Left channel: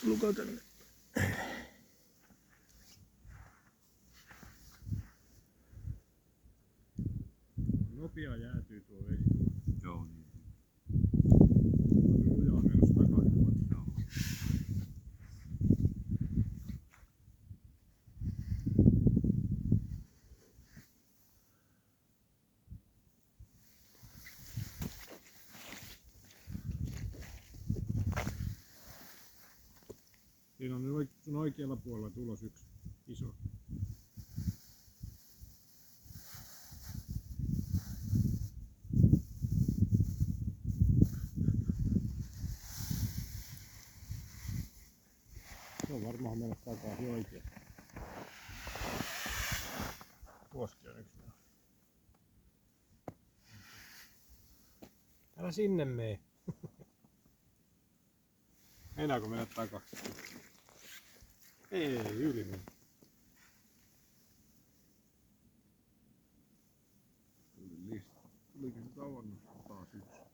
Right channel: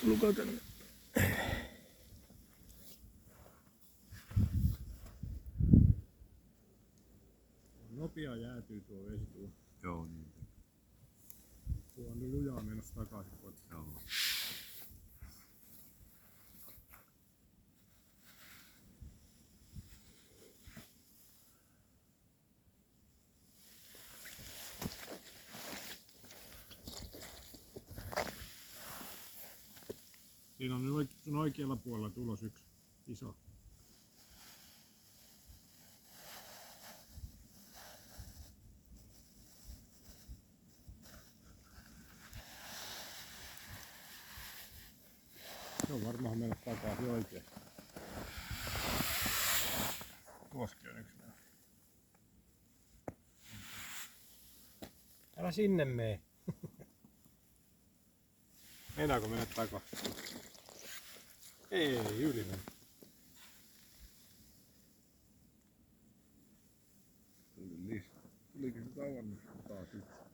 Tulkaa tänne. Nopea jäätyy tuo vesi. Joo, niin. Lujaa menossa takaisin. Joo. Siinä on sun oikealla puolella tulos yksi iso. Se on varmaan mennä takaisin oikein. Tuoskin on yksi. Älä sinne mee. Meinaako mennä takaisin? Ei, yli mennä. Tuliko se tavannut taas yksi?